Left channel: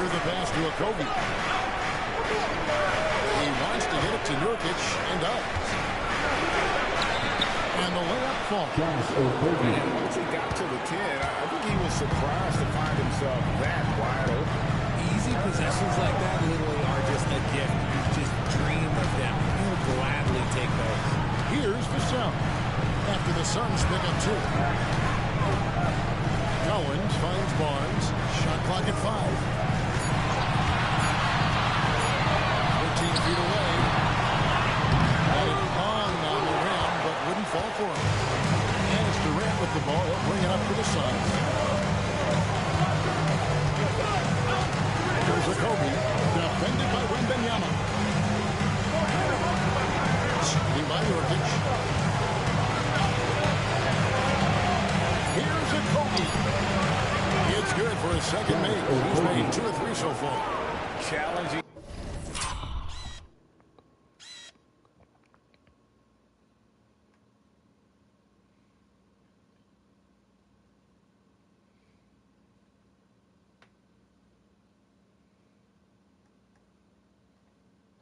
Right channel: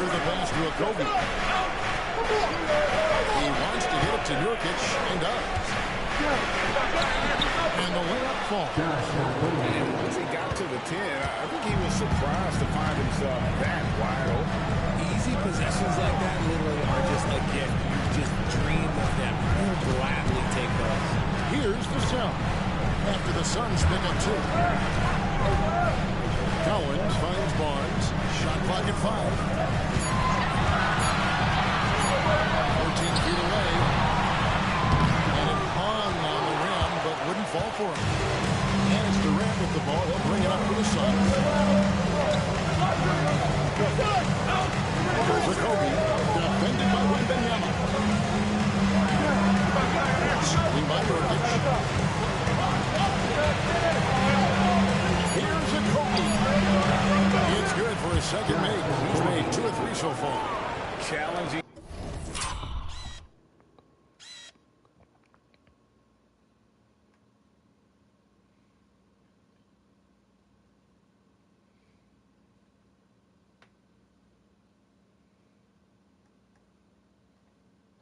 Booker the pass to Okogie. He wants to get it to Nurkic and does. And the layup falls. And once he got to the 10, I think he was surprised to find himself that wide open. Easy possessions like that literally are just a gift. You just dream of them. You'll gladly take those. Here's the sound. After the Suns pick up 2. Cowens finds Barnes. Shot clock at 5. 14 feet away. And it hung on the rim, but wouldn't fall for him. And it's Durant with the ball. He'll bring it up for the Suns. Here's Okogie, defended by Wembanyama. Screen by Nurkic. Here's Okogie. It's good for his second make. He's made 2 of 3 so far. Challenging.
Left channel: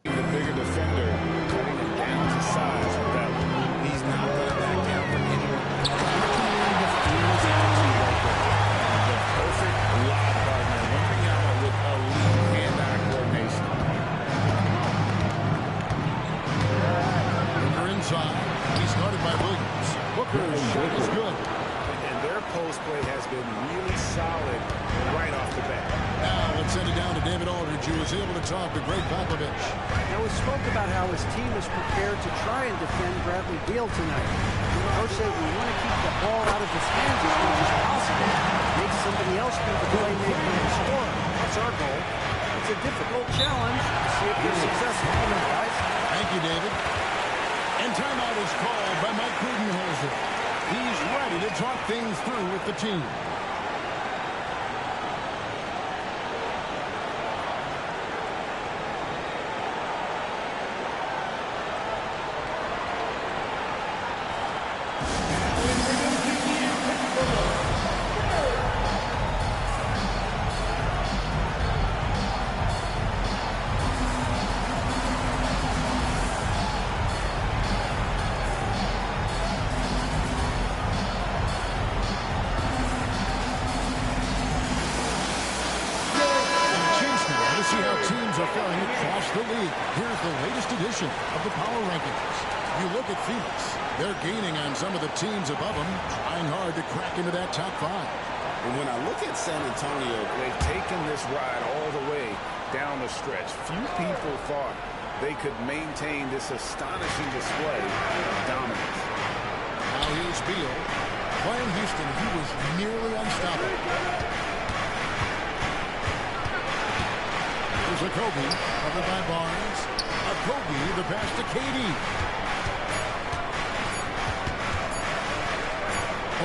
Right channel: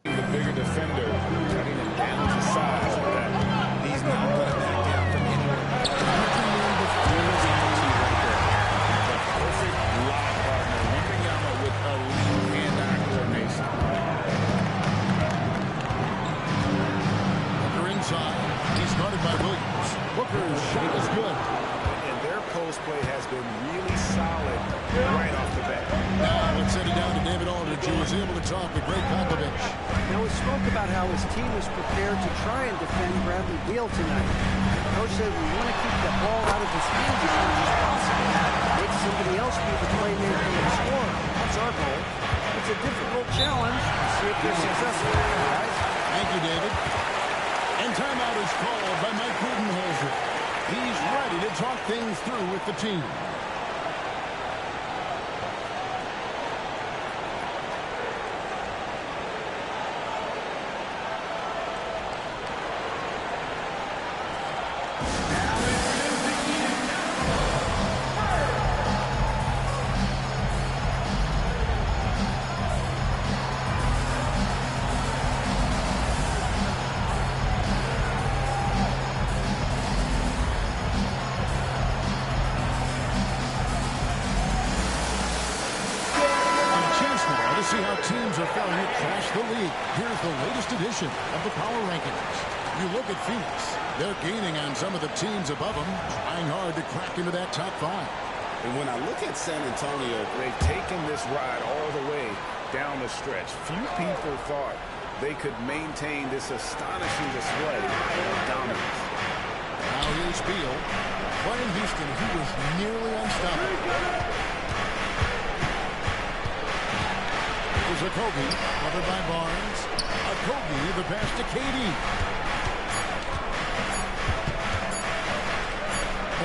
The bigger defender, cutting him down to size with that. He's not going to back down from anyone. Recommend the fearless attitude right there. The perfect lob partner. Wembanyama with elite hand-eye coordination. Booker inside. He's guarded by Williams. Booker's shot is good. And their post play has been really solid right off the bat. Now let's send it down to David Aldridge, who was able to talk to Greg Popovich. Now, we spoke about how his team is prepared to try and defend Bradley Beal tonight. The coach said we want to keep the ball out of his hands as much as possible. Make somebody else be the playmaker and scorer. That's our goal. It's a difficult challenge. We'll see if they're successful. Guys. Thank you, David. And timeout is called by Mike Budenholzer. He's ready to talk things through with the team. To see how teams are faring across the league. Here's the latest edition of the Power Rankings. You look at Phoenix. They're gaining on some of the teams above them, trying hard to crack into that top 5. And when I look at San Antonio, they've taken this ride all the way down the stretch. Few people thought they could maintain this astonishing display of dominance. Now here's Beal. Playing Houston, he was nearly unstoppable. Here's Okogie, covered by Barnes. Okogie, the pass to KD.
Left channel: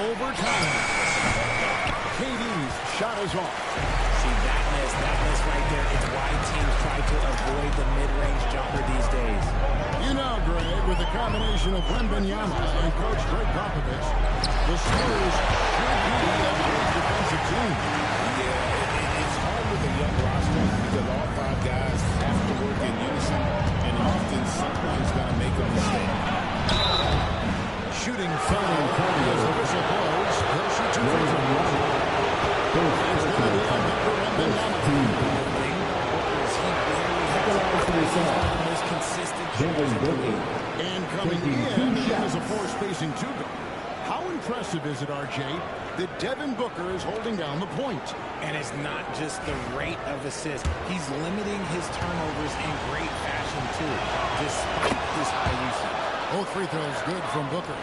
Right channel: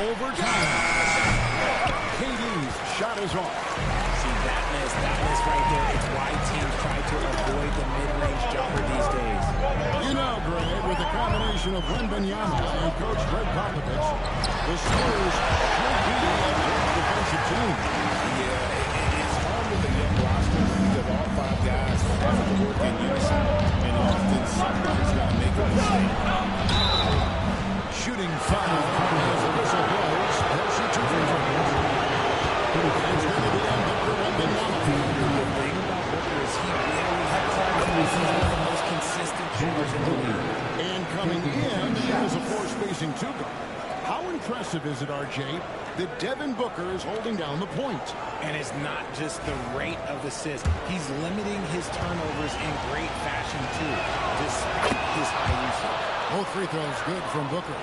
Overtime. KD's shot is off. See, that miss right there. It's why teams try to avoid the mid-range jumper these days. You know, Greg, with the combination of Wembanyama and Coach Greg Popovich, the Spurs should be a great defensive team. Yeah, it's hard with a young roster because all 5 guys have to work in unison, and often someone's going to make a mistake. Shooting foul as the whistle blows. He'll shoot 2 free throws. It's going to be on Victor Wembanyama. The thing about Booker is he rarely has He's one of the most consistent shooters in the league. And coming in, he has a force-spacing 2 guard. How impressive is it, RJ, that Devin Booker is holding down the point? And it's not just the rate of assists. He's limiting his turnovers in great fashion, too, despite his high usage. Both free throws good from Booker.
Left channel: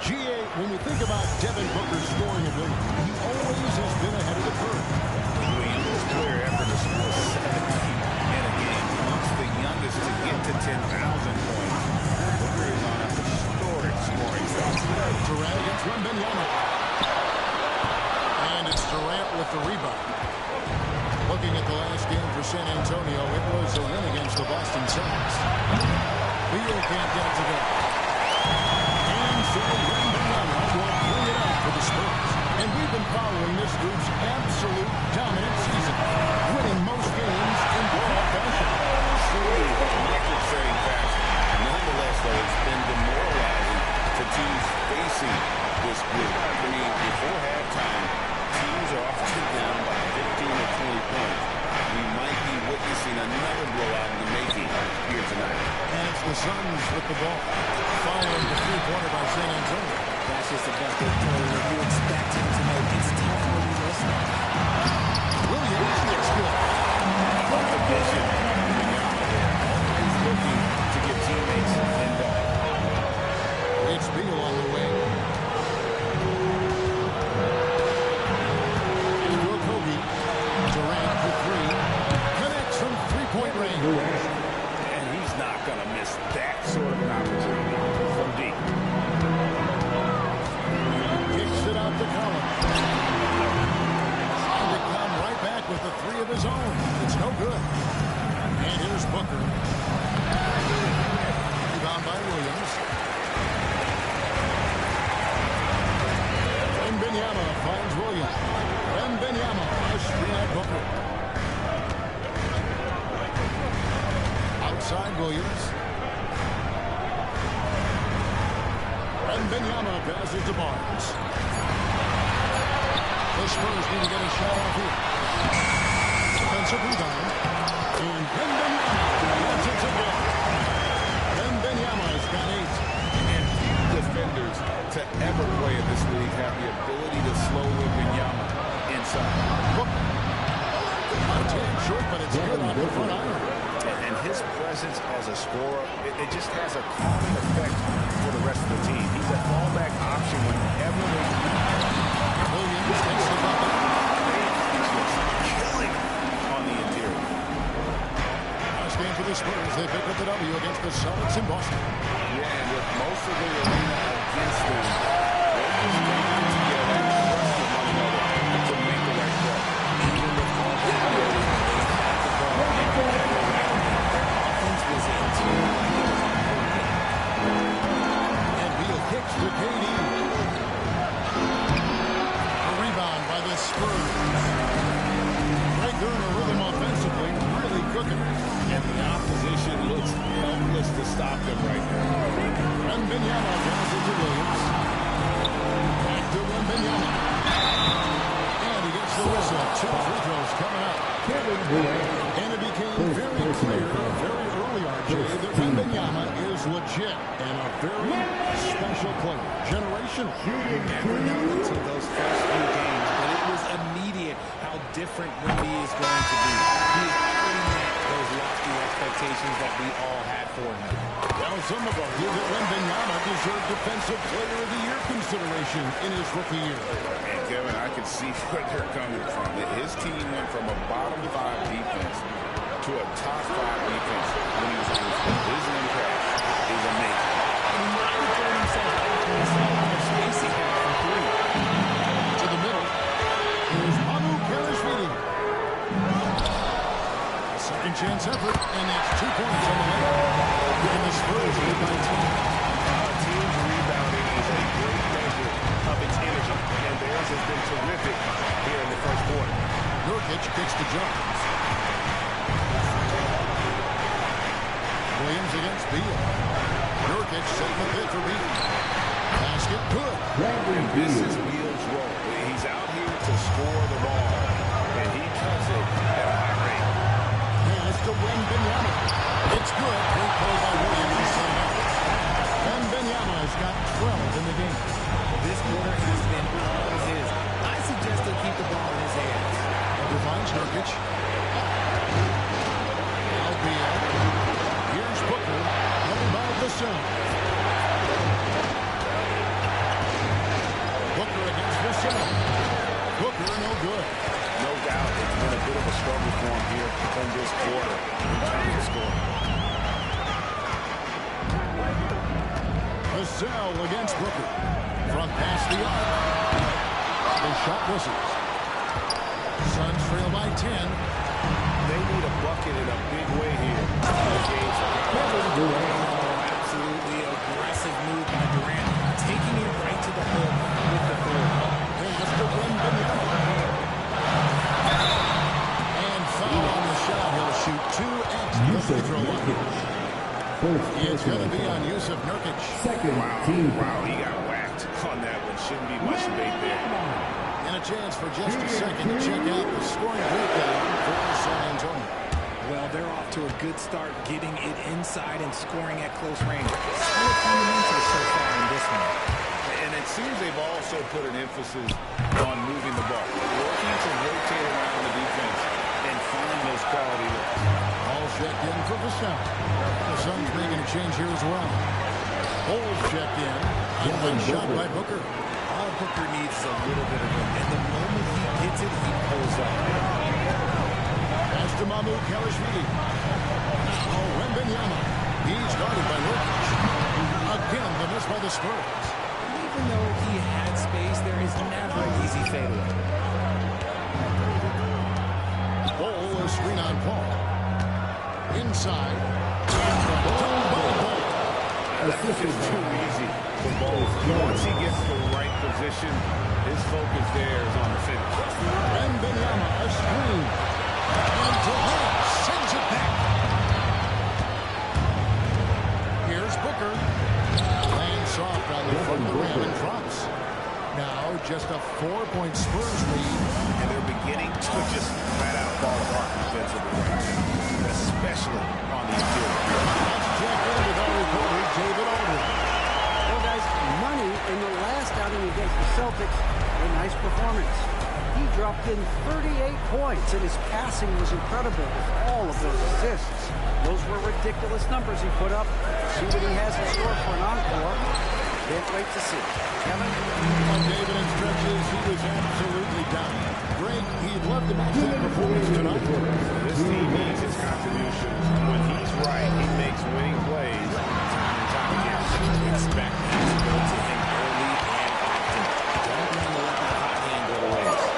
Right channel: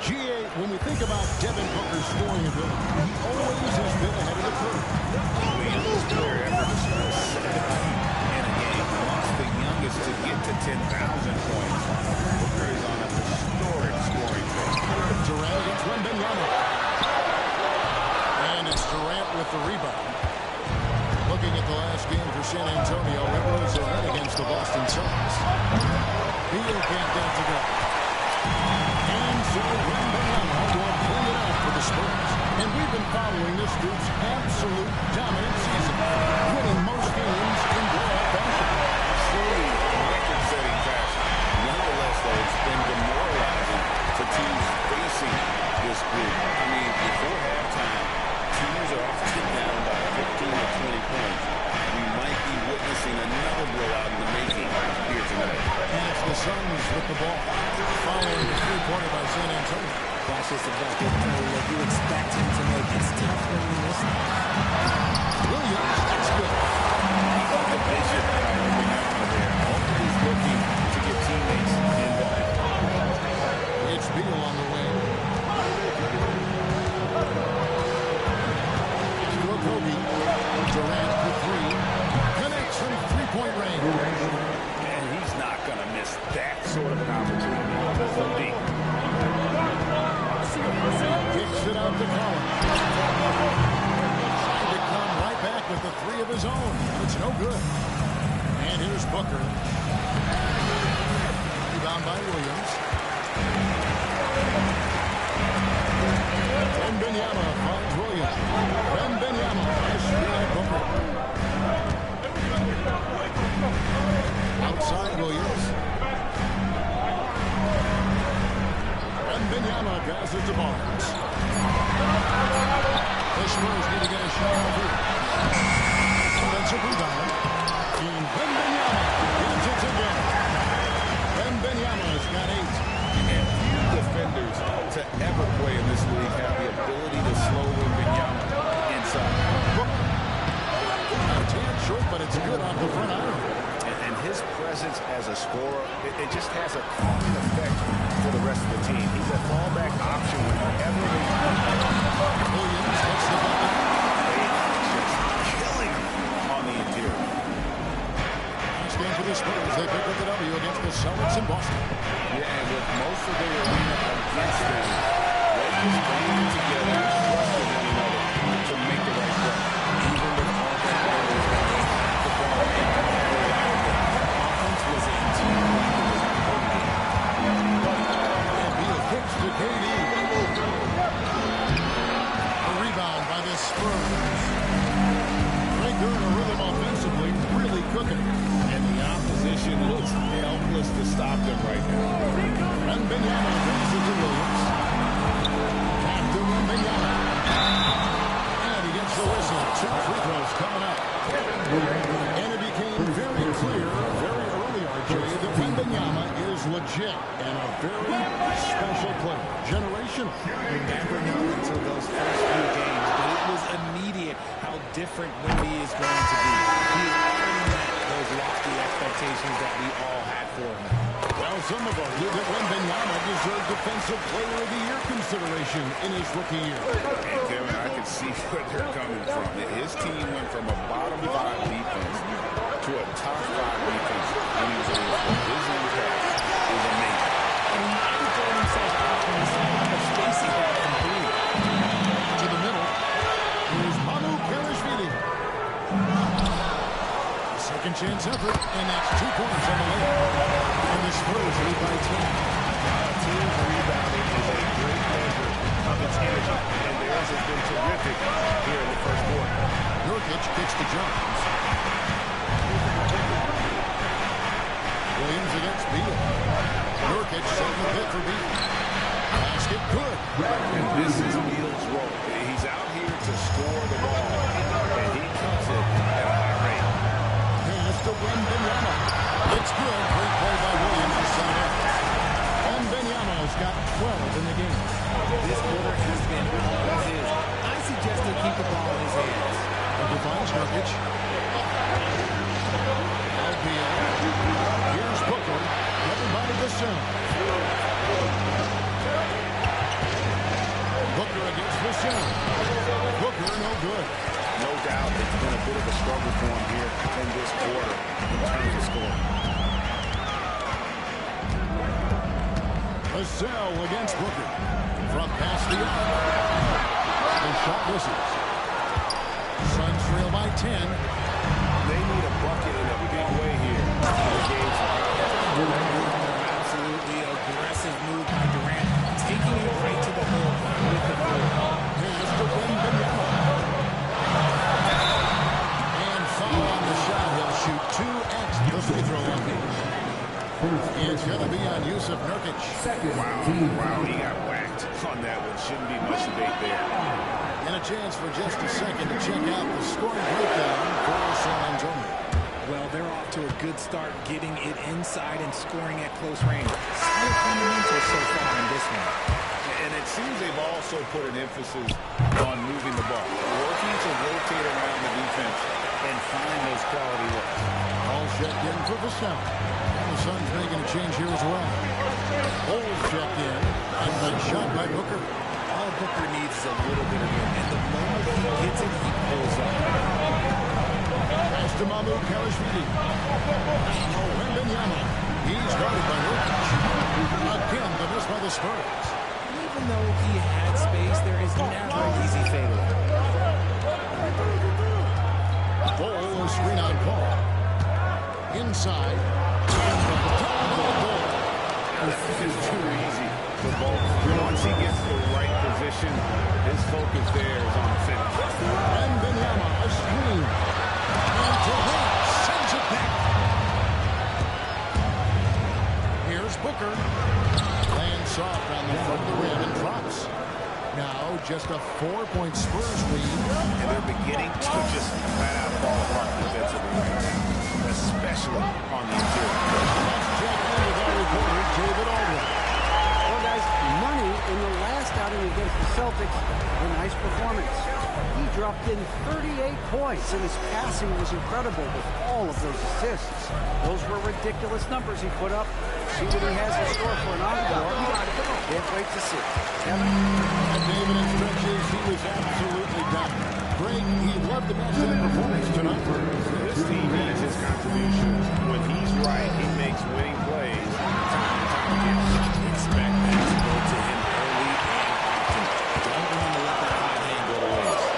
GA, when we think about Devin Booker's scoring ability, he always has been ahead of the curve. The youngest player ever to score 70 in a game, amongst the youngest to get to 10,000 points. Booker is on a historic scoring phase. Durant against Wembanyama. And it's Durant with the rebound. Looking at the last game for San Antonio, it was a win against the Boston Celtics. Beal can't get it to go. And so Wembanyama will bring it up for the Spurs. And we've been following this group's absolute dominant season, winning most games in blowout fashion. Truly record-setting fashion. Nonetheless, though, it's been demoralizing to teams facing this group. I mean, before halftime, teams are often down by 15 or 20 points. We might be witnessing another blowout in the making here tonight. And it's the Suns with the ball, following the three-pointer by San Antonio. That's just a bucket that you expect him to make. It's tough when you miss them. Williams, it's good. How about the vision by Wembanyama there? Always looking to get teammates involved. It's Beal on the way. It's to Kobe. Durant for three. Connects from three-point range. And he's not going to miss that sort of an opportunity from deep. Kicks it out to Collins. Trying to come right back with the three of his own. It's no good. And here's Booker. Rebound by Williams. Wembanyama finds Williams. Wembanyama has screen at Booker. Outside Williams. Wembanyama passes to Barnes. The Spurs need to get a shot off here. Defensive rebound. And Wembanyama gets it to go. Wembanyama's got 8. And few defenders to ever play in this league have the ability to slow Wembanyama inside. A tad short, but it's good off the front iron. And his presence as a scorer, it just has a calming effect for the rest of the team. He's a fallback option whenever they need. Williams gets the bucket. They are just killing him on the interior. Last game for the Spurs. They pick up the W against the Celtics in Boston. Yeah, and with most of the arena against them, they just banded together and trusted one another to make the right play. Even with all that noise, when they had the ball and never rattled them, their offense was in tune like it was a home game. And Beal kicks to KD. A rebound by the Spurs. Greg, they're in a rhythm offensively, really cooking. And the opposition looks helpless to stop them right now. Wembanyama passes to Williams. Back to Wembanyama. And he gets the whistle. 2 free throws coming up. And it became very clear, very early, RJ, that Wembanyama is legit and a very special player. Generational. You never know until those first few games, but it was immediate how different Wemby is going to be. He's already met those lofty expectations that we all had for him. Well, some of us knew that Wembanyama deserved Defensive Player of the Year consideration in his rookie year. And Kevin, I can see where they're coming from. His team went from a bottom 5 defense to a top 5 defense when he was on the floor. His impact is amazing. And he might have thrown himself off when he saw how much space he had from 3. To the middle. Here's Mamu Kelishvili. Second chance effort, and that's 2 points on the layup. And the Spurs lead by 10. Team's rebounding is a great measure of its energy, and theirs has been terrific here in the first quarter. Nurkic kicks to Jones. Williams against Beal. Nurkic setting the pit for Beal. Basket good. And this is Beal's role. He's out here to score the ball, and he cuts it at a high rate. Pass to Wembanyama. It's good. Great play by Williams to set it up. Wembanyama's got 12 in the game. This quarter has been all his. I suggest they keep the ball in his hands. Booker finds Nurkic. Now Beal. Here's Booker. Covered by the Sun. Booker against the Sun. Booker no good. No doubt it's been a bit of a struggle for him here in this quarter in terms of scoring. Vassell against Booker. From past the arc. The shot misses. Suns trail by 10. They need a bucket in a big way here. The game's a Oh, absolutely aggressive move by Durant, taking it right to the hole with the throw. Pass to Wembanyama. And foul on the shot. He'll shoot 2 at the free throw line. It's going to be on Yusuf Nurkic. Wow, he got whacked on that one. Shouldn't be much debate there. And a chance for just a second to check out the scoring breakdown for San Antonio. Well, they're off to a good start getting it inside and scoring at close range. Solid fundamentals so far in this one. And it seems they've also put an emphasis on moving the ball, working to rotate around the defense and find those quality looks. All checked in for Vassell. The Suns making a change here as well. Holes checked in. A good shot by Booker. All Booker needs is a little bit of room, and the moment he gets it, he pulls up. Pass to Mahmoud Kalashvili. Now Wembanyama. He's guarded by Nurkic. Again, the miss by the Spurs. Even though he had space, there is never an easy fadeaway. Ball, a screen on Paul. Inside. And the dunk by Ball. That is too easy for Ball. Once he gets the right position, his focus there is on the finish. Wembanyama, a screen. And Durant sends it back. Here's Booker. Lands soft on the front of the rim and drops. Now just a 4-point Spurs lead. And they're beginning to just flat out fall apart defensively right now, especially on the interior. Let's check in with our reporter, David Aldridge. Well, guys, Money in the last outing against the Celtics, a nice performance. He dropped in 38 points, and his passing was incredible with all of those assists. Those were ridiculous numbers he put up. See what he has in store for an encore. Can't wait to see. Kevin? David, in stretches, he was absolutely dominant. Greg, he'd love to match that performance tonight. This team needs his contributions. When he's right, he makes winning plays time and time again. Expect that to go to him early and often. Don't want to let that hot hand go to waste.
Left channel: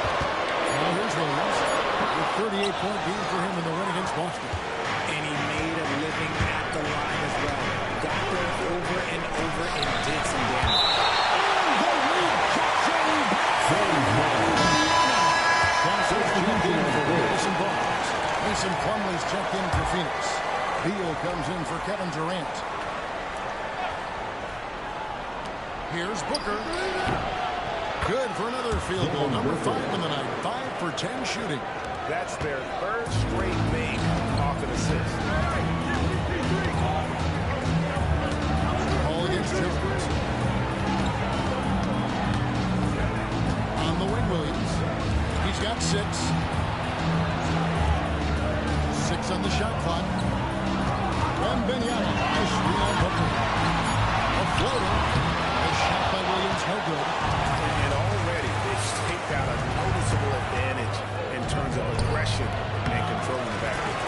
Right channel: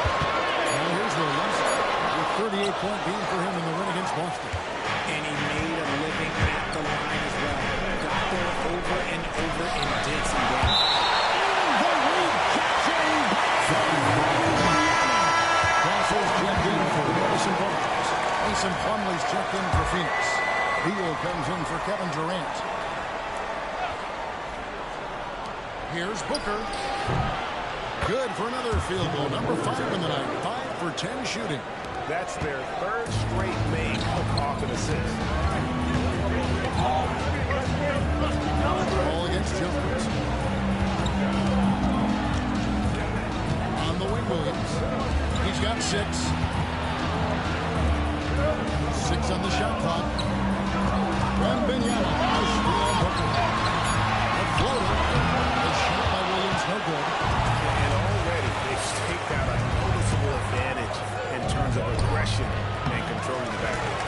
Now here's Williams. A 38-point game for him in the win against Boston. And he made a living at the line as well. Got there over and over and did some damage. And the rejection from Wembanyama. Castle's checked in for Harrison Barnes. Mason Plumlee's checked in for Phoenix. Beal comes in for Kevin Durant. Here's Booker. Good for another field goal. Number 5 in the night. 5 for 10 shooting. That's their third straight make off an assist. Ball against Jones. On the wing, Williams. He's got 6. 6 on the shot clock. Wembanyama. Nice screen on Booker. A floater. A shot by Williams, no good. And already they've staked out a noticeable advantage in terms of aggression and controlling the backcourt.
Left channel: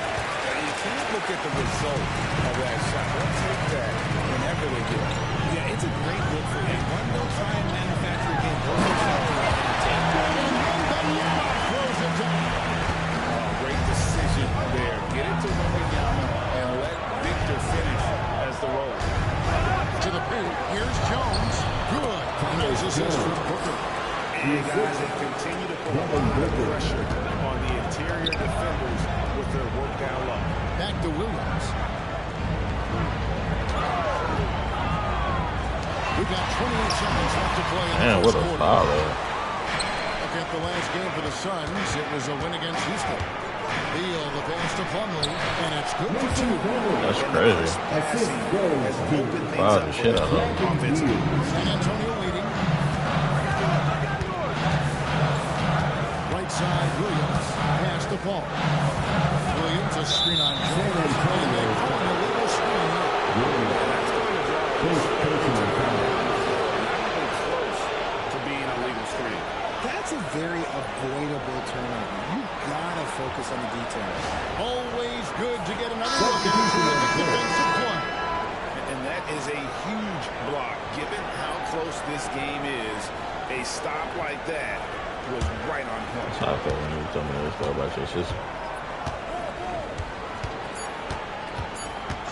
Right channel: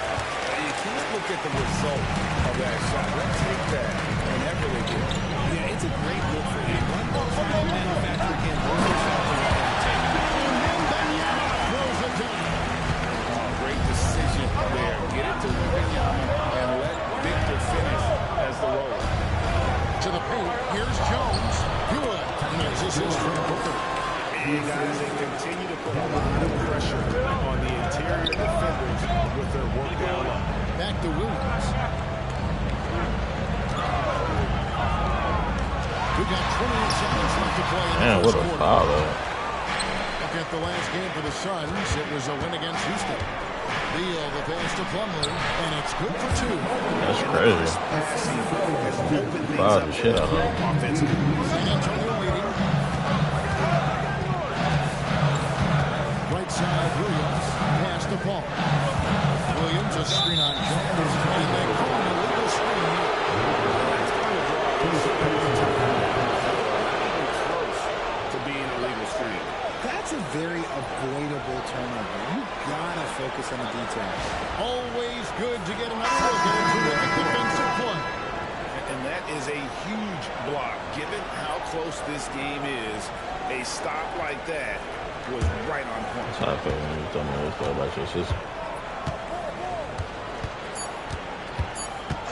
You can't look at the result of that shot. They'll take that whenever they get it. Yeah, it's a great look for him. One they'll try and manufacture again. Those are shots you want him to take. And Wembanyama throws it down. Oh, great decision there. Get it to Wembanyama and let Victor finish as the roller. To the paint. Here's Jones. Good. Nice assist from Booker. And guys, they continue to put a lot of pressure on the interior defenders with their work down low. Back to Williams. We've got 28 seconds left to play in the first quarter. Foul. Look at the last game for the Suns. It was a win against Houston. Beal, the pass to Plumlee, and it's good for 2. That's crazy. Passing has opened things Fouled up the shit out of him. offensively. San Antonio waiting. Right side, Williams. Pass to Paul. Williams, a screen on Jones. And they call an illegal screen here. That's going to draw a whistle every time down the floor. Not even close to being a legal screen. That's a very avoidable turnover. You gotta focus on the details. Always good to get another look at a terrific defensive play. And that is a huge block. Given how close this game is, a stop like that was right on point. That's how I felt when you told me this about your sister.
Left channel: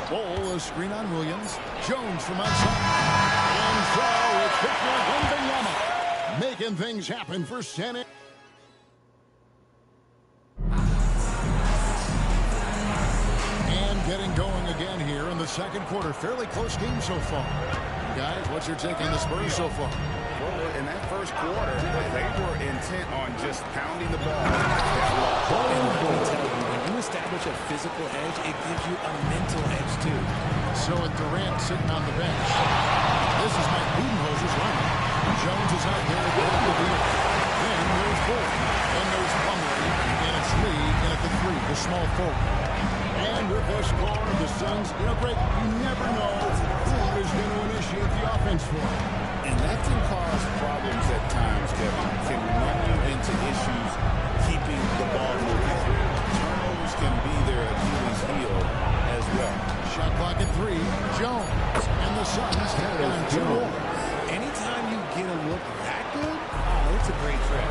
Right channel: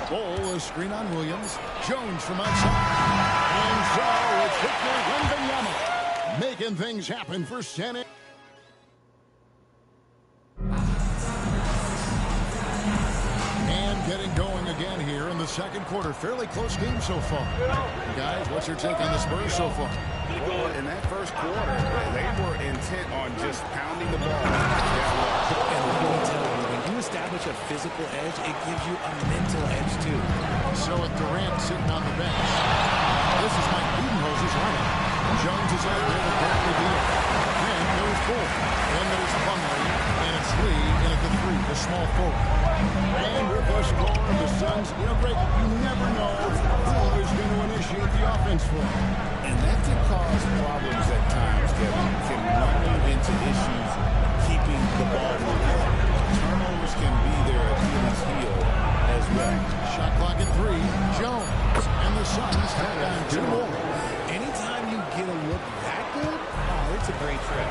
Ball, a screen on Williams. Jones from outside. And so it's Victor Wembanyama making things happen for San Antonio. And getting going again here in the second quarter. Fairly close game so far. Guys, what's your take on the Spurs so far? Well, in that first quarter, they were intent on just pounding the ball down low. And let me tell you, when you establish a physical edge, it gives you a mental edge, too. So with Durant sitting on the bench, this is Mike Budenholzer's lineup. Jones is out there with Bradley Beal. Then there's Bull. Then there's Plumlee. And it's Lee in at the 3, the small forward. And with the score of the Suns, you know, Greg, you never know who is going to initiate the offense for them. And that can cause problems at times, Kevin. Can run you into issues keeping the ball moving. Turnovers can be their Achilles heel as well. Shot clock at 3. Jones. And the Suns tag on 2 more. Anytime you get a look that good, oh, it's a great trick.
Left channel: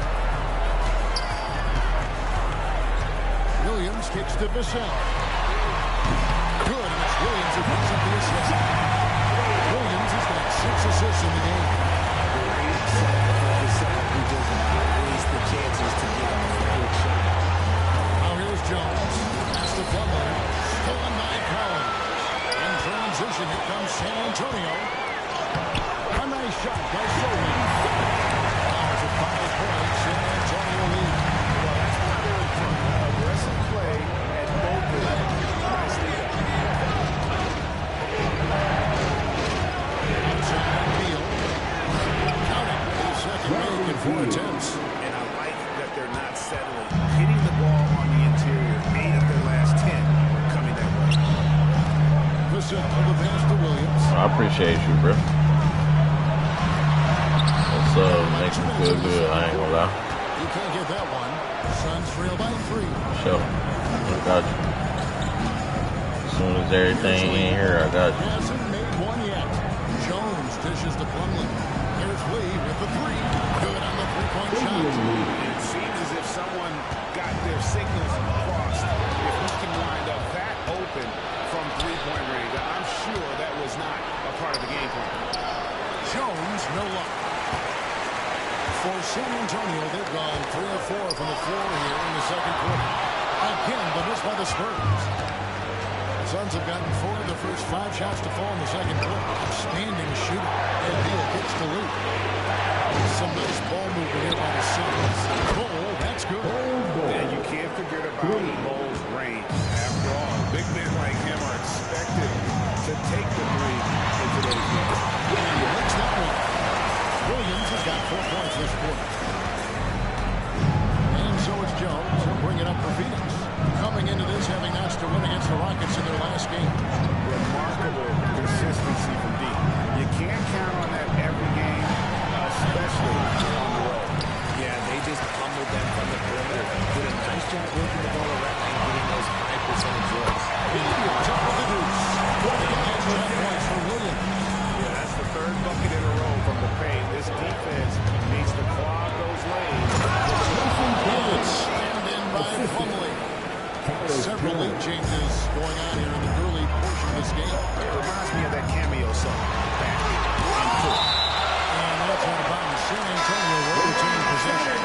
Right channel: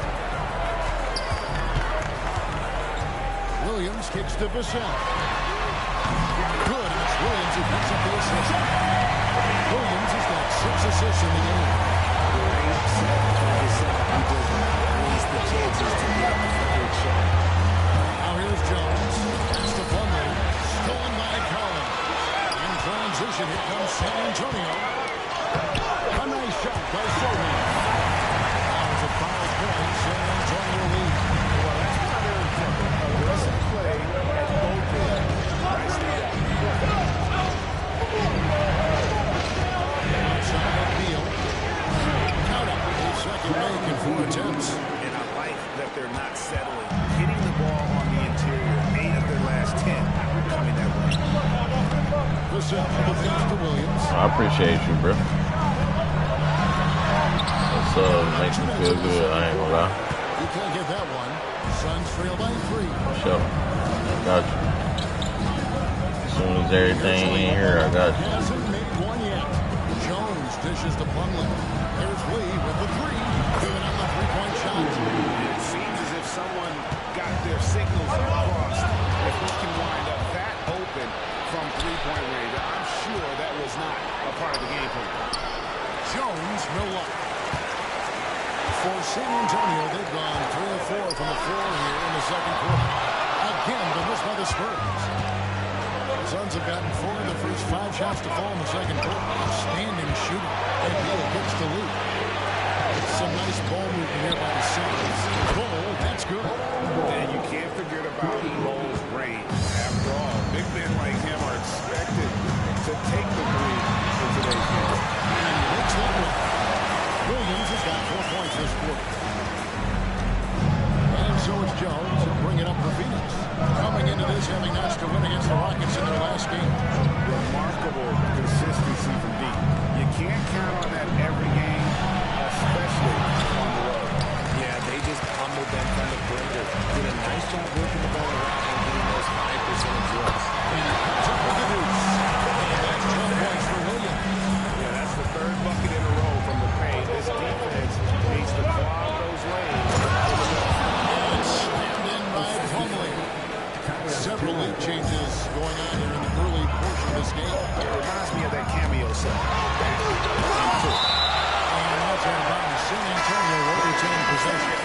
Williams kicks to Vassell. Good, and it's Williams who picks up the assist. Williams has got 6 assists in the game. Great set for Vassell, who doesn't waste the chances to get off the good shot. Now here's Jones. Pass to Plumlee. Stolen by Collins. In transition, here comes San Antonio. A nice shot by Sohan. Now it's a 5-point San Antonio lead. Well, that's why they're in front. Aggressive play at both ends. Nicely done. Outside Beal. Count it. His second make in 4 attempts. And I like that they're not settling. Hitting the ball on the interior. 8 of their last 10 coming that way. Listen, the pass to Williams. I appreciate you, bro. That's makes me feel good. I ain't gonna lie. You can't get that one. Suns trail by 3. Sure. I got you. As soon as everything in here, I got you. Hasn't made one yet. Jones dishes to Plumlee. There's Lee with the 3. Good on the 3-point shot. It seems as if someone got their signals crossed. If we can wind up that open from 3-point range, I'm sure that was not a part of the game plan. Jones, no luck. For San Antonio, they've gone 3 of 4 from the floor here in the second quarter. Again, the miss by the Spurs. The Suns have gotten 4 of the first 5 shots to fall in the second quarter. Outstanding shooting. And Beal kicks to Lee. Some nice ball movement here by the Suns. Bull, that's good. And you can't forget about Bull's range. After all, big men like him are expected to take the 3 in today's game. And he makes that one. Williams has got 4 points this quarter. And so it's Jones. He'll bring it up for Phoenix. Coming into this, having notched a win against the Rockets in their last game. Remarkable consistency from deep. You can't count on that every game, especially on the road. Yeah, they just pummeled them from the perimeter. Did a nice job working the ball around and getting those high percentage looks. And he comes up with the deuce. And that's 12 points for Williams. Yeah, that's the 3rd bucket in a row from the paint. This defense needs to clog those lanes. And it's slammed in by Plumlee. Several lead changes going on here in the early portion of this game. It reminds me of that cameo song, Back and Forth. And that's out of bounds. San Antonio will retain possession.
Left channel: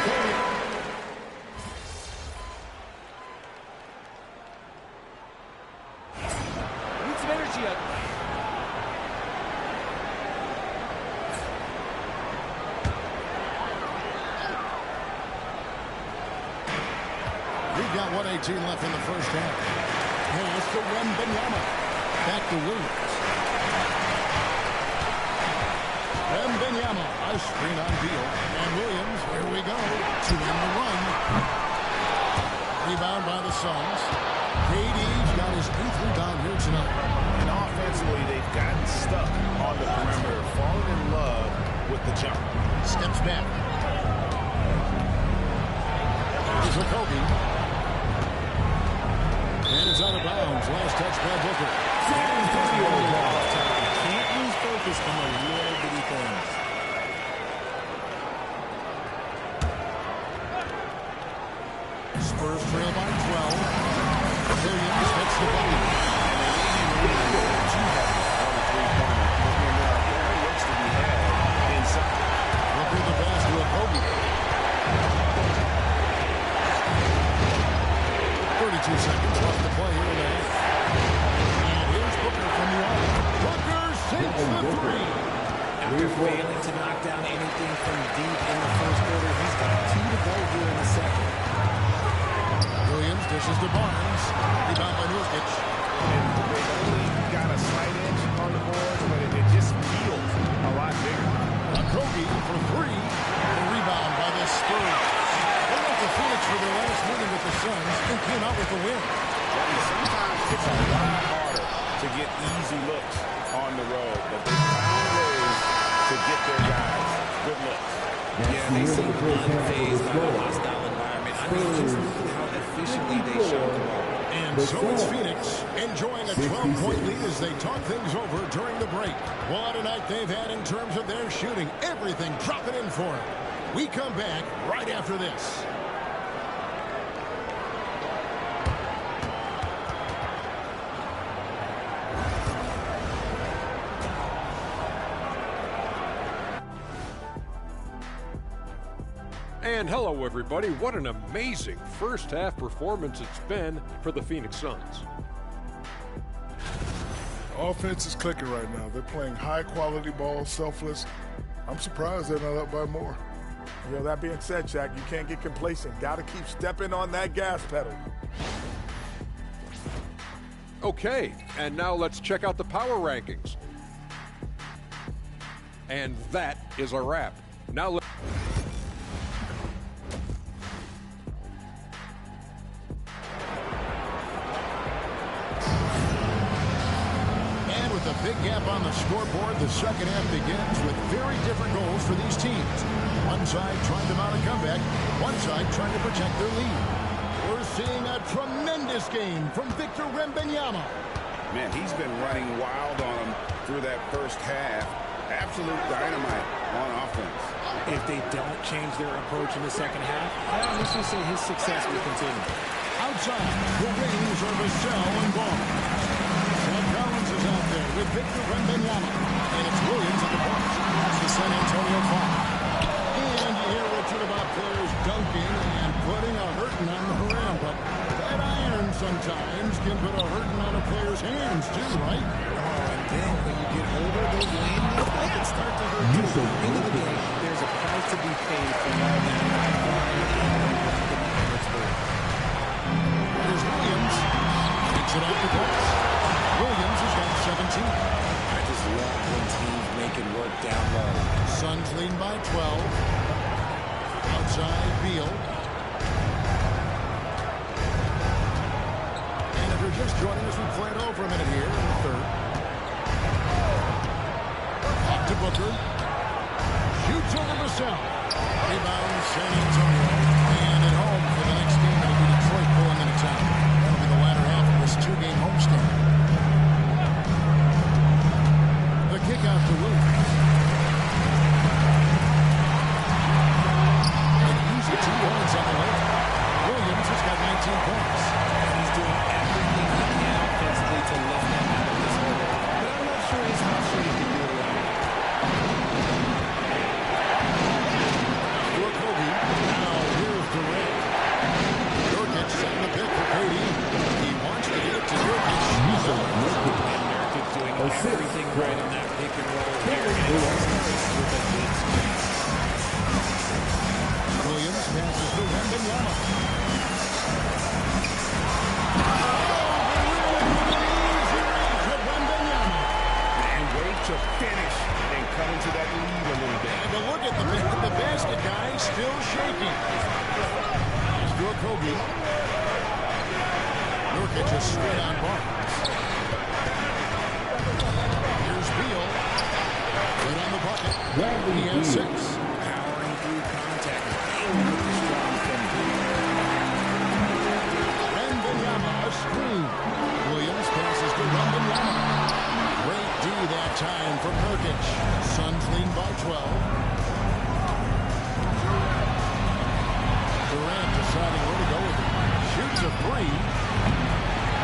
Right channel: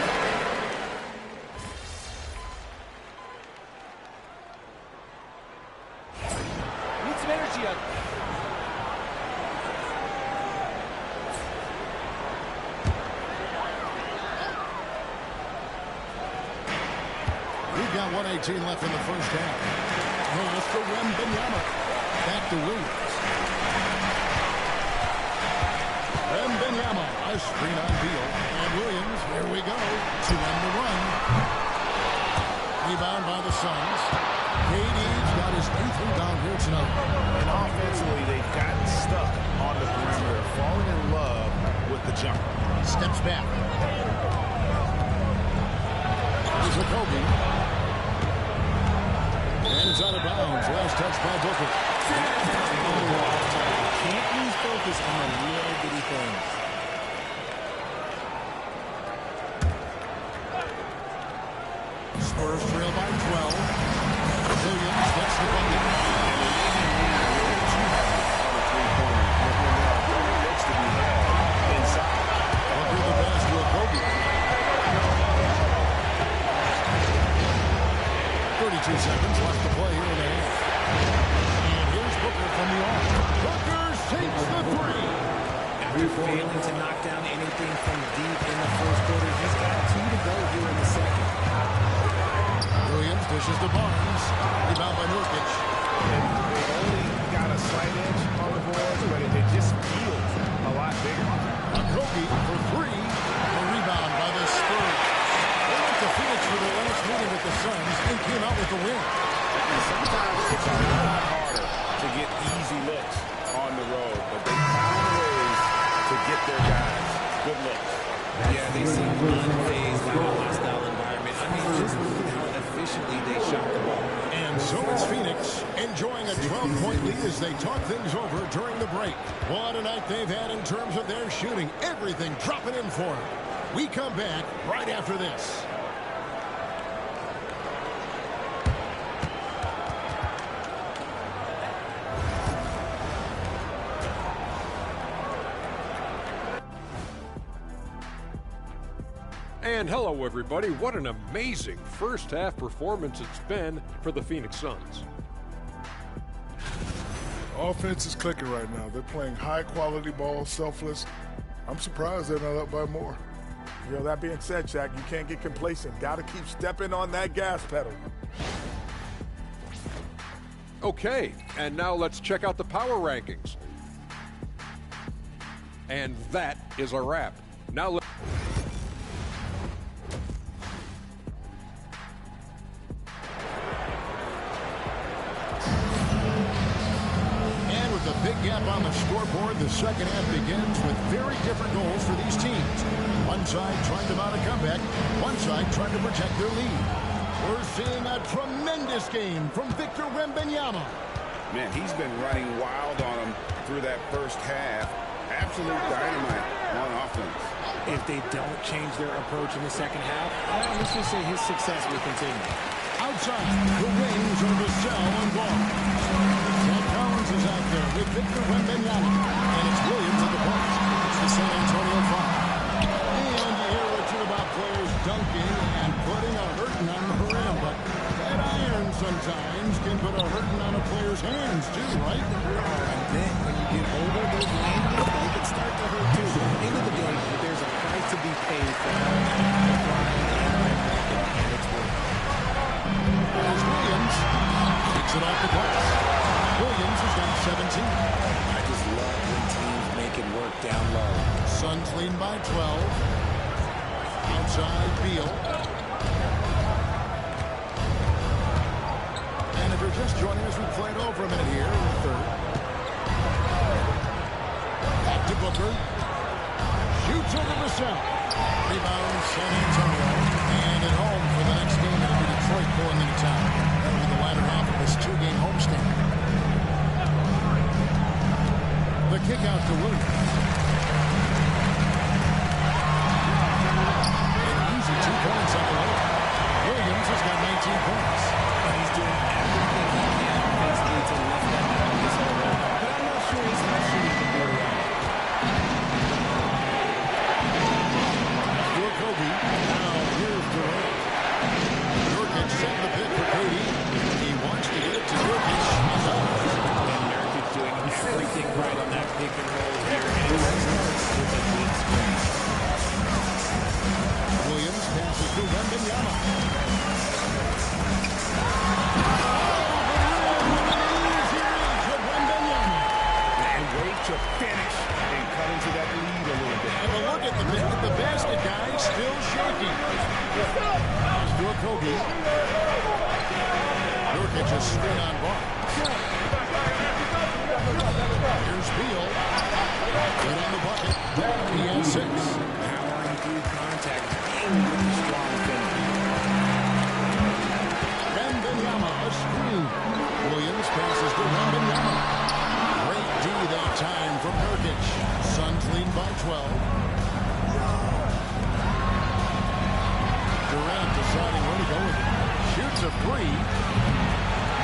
Need some energy up. We've got 1:18 left in the first half. Pass to Wembanyama. Back to Williams. Wembanyama. A screen on Beal. And Williams, here we go, to end the run. Rebound by the Suns. KD's got his 8th rebound here tonight. And offensively, they've gotten stuck on the perimeter, falling in love with the jump. Steps back. Here's Kobe. And it's out of bounds. Last touch by Booker. You can't lose focus on the little bitty things. Spurs trail by 12. Williams gets the bucket. And they may be leaning too heavy on a three-pointer when there are better looks to be had inside. Booker the pass to a Kobe. 32 seconds left to play here in the half. And here's Booker from the arc. Booker sinks the three. After failing to knock down anything from deep in the first quarter, he's got 2 to go here in the second. Williams dishes to Barnes. Rebound by Nurkic. And they've only got a slight edge on the boards, but it just feels a lot bigger. Kobe for three. A rebound by the Spurs. They went to Phoenix for their last meeting with the Suns and came out with the win. And sometimes it's a lot harder to get easy looks on the road, but they found ways to get their guys good looks. Yeah, they seem unfazed by the hostile environment. I mean, just look at how efficiently they shot the ball. And so it's Phoenix enjoying a 12-point lead as they talk things over during the break. What a night they've had in terms of their shooting. Everything dropping in for them. We come back right after this. And hello, everybody. What an amazing first-half performance it's been for the Phoenix Suns. Offense is clicking right now. They're playing high-quality ball, selfless. I'm surprised they're not up by more. You know, that being said, Shaq, you can't get complacent. Got to keep stepping on that gas pedal. Okay, and now let's check out the power rankings. And that is a wrap. Now let's... With a big gap on the scoreboard, the second half begins with very different goals for these teams. One side trying to mount a comeback, one side trying to protect their lead. We're seeing a tremendous game from Victor Wembanyama. Man, he's been running wild on them through that first half. Absolute dynamite on offense. If they don't change their approach in the second half, let's just say his success will continue. Outside, the wings are Vassell and Barnes. Zach Collins is out there with Victor Wembanyama. And it's Williams at the point. That's the San Antonio Foul. And you hear Richard about players dunking and putting a hurting on the rim. But that iron sometimes can put a hurting on a player's hands too, right? Oh, and then when you get older, those landings, they can start to hurt too. At the end of the day, there's a price to be paid for all that high-flying and blocking, and it's worth it. There's Williams. Takes it off the glass. Williams has got 17. I just love when teams make it work down low. Suns leading by 12. Outside, Beal. And if you're just joining us, we play it over a minute here in the third. Back to Booker. Shoots over Vassell. Rebound San Antonio. And at home for the next game, it'll be Detroit pulling into town. That'll be the latter half of this two-game homestand. The kick out to Williams. An easy 2 points on the layup. Williams has got 19 points. And he's doing everything he can offensively to lift them out of this hole. But I'm not sure he's how sure he can do it alone. To a Kobe. Now here's Durant. Nurkic setting the pick for KD. He wants to get it to Nurkic. He's up. And Nurkic doing everything right on that pick and roll here. And it all starts with a good screen. Williams passes to Wembanyama. Oh, the rim with an easy reach of Wembanyama. And wait to finish and cut into that lead a little bit. And look at the basket guy still shaking. It's to a Kobe. Nurkic is straight on Barnes. Here's Beal. Good on the bucket. He has 6. Powering through contact. Beal with the strong finish. Wembanyama, a screen. Williams passes to Wembanyama. Great D that time from Nurkic. Suns lead by 12. Durant deciding where to go with it. Shoots a 3.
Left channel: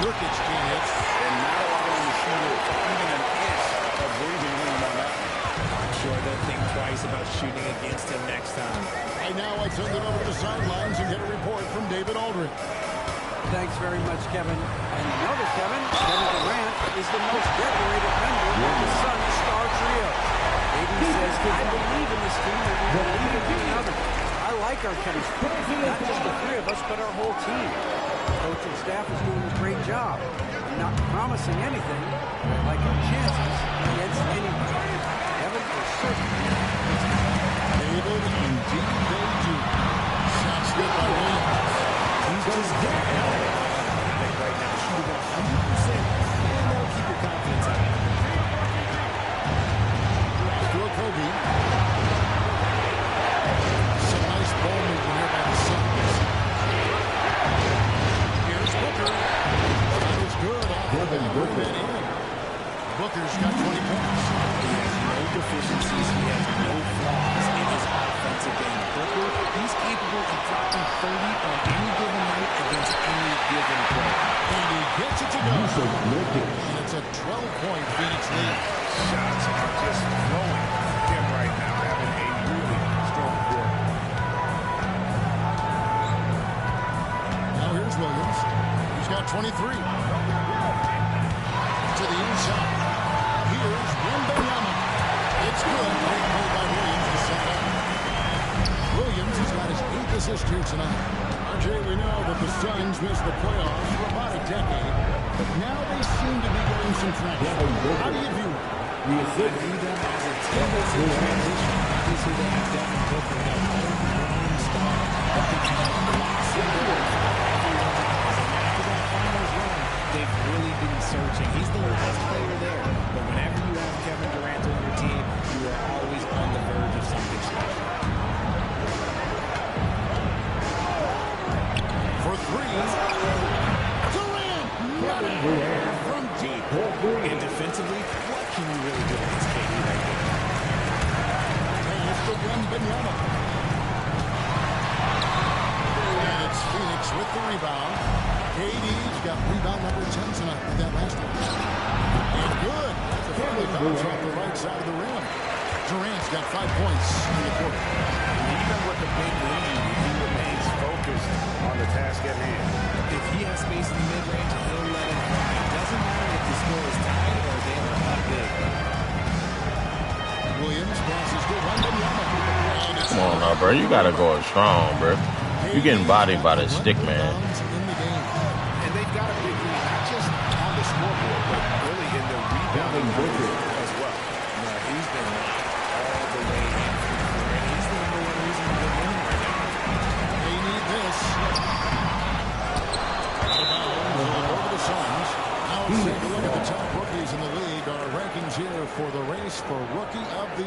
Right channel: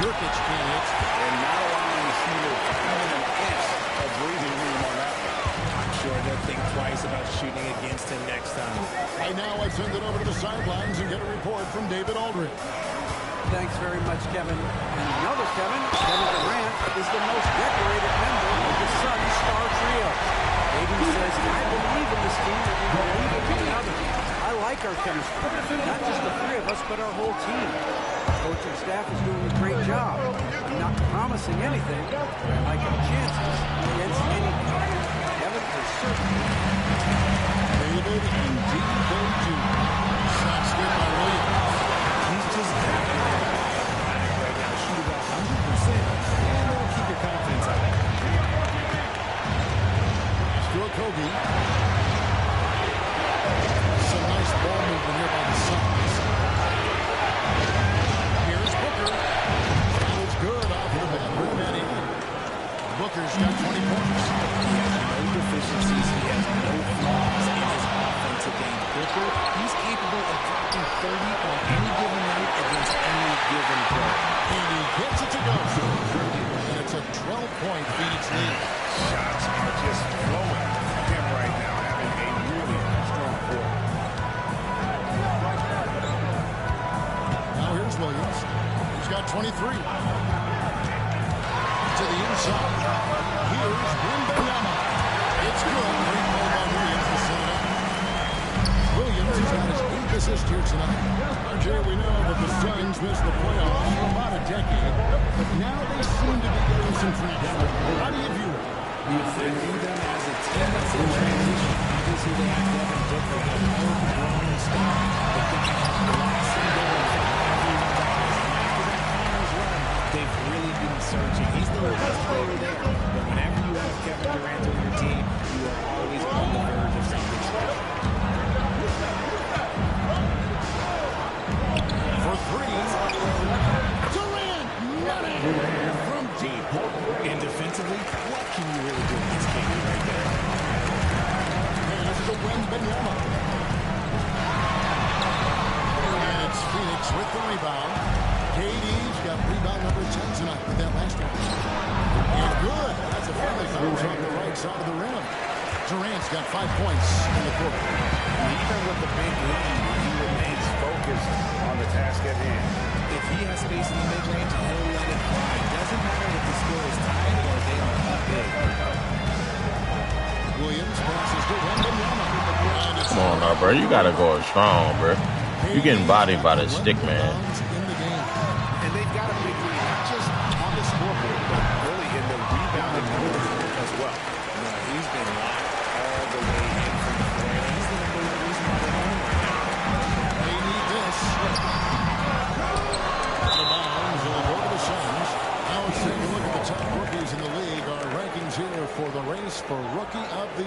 Nurkic can't hit. And not allowing the asking you for even an inch of breathing room on that one. I'm sure they'll think twice about shooting against him next time. Right now, I send it over to the sidelines and get a report from David Aldridge. Thanks very much, Kevin. And another Kevin Durant, is the most decorated member of the Suns star trio. AD says, I believe in this team and we believe in one another. I like our chemistry, not just the three of us, but our whole team. Our coaching staff is doing a great job. I'm not promising anything, but I like our chances against anybody. Kevin is certainly David, indeed they do. Shots good by Williams. He's just got it automatic right now. Shoot about 100%, and that'll keep your confidence high. To a Kobe. Some nice ball movement here by the Suns. Here's Booker. Shot is good off the back rim and in. Booker's got 20 points. He has no deficiencies. He has no flaws in his offensive game. Booker, he's capable of dropping 30 on any given night against any given player. And he gets it to go. And it's a 12-point Phoenix lead. Shots are just flowing him right now, having a really strong quarter. Now here's Williams. He's got 23. To the inside. Here's Wembanyama. It's good. Great play by Williams to set it up. Williams has got his 8th assist here tonight. RJ, we know that the Suns missed the playoffs for about a decade, but now they seem to be getting some traction. How do you view it? I view them as a team that's in transition. Obviously, they have Devin Booker, the homegrown star. The guy has blossomed there in front of everyone's eyes. And after that finals run, they've really been searching. He's the best player there. But whenever you have Kevin Durant on your team, you are always on the verge of something special. For three. Durant, not it. From deep. And defensively, what can you really do against KD right there? Pass to Wembanyama. And it's Phoenix with the rebound. KD's got rebound number 10 tonight with that last one. And good. That's a friendly bounce off the right side of the rim. Durant's got 5 points in the quarter. And even with the big lead, he remains focused on the task at hand. If he has space in the mid-range, he'll let it fly. Doesn't matter if the score is tied or they are up big. Williams passes to Wembanyama. Come on now, bro. You gotta go strong, bro. You getting bodied by the stick, man. And they've got a big lead, not just on the scoreboard, but really in the rebounding numbers as well. No, he's been locked all the way in from the floor, and he's the number one reason why they're winning right now. They need this. Out of bounds. It'll go to the Suns. Now let's take a look at the top rookies in the league. Our rankings here for the race for Rookie of the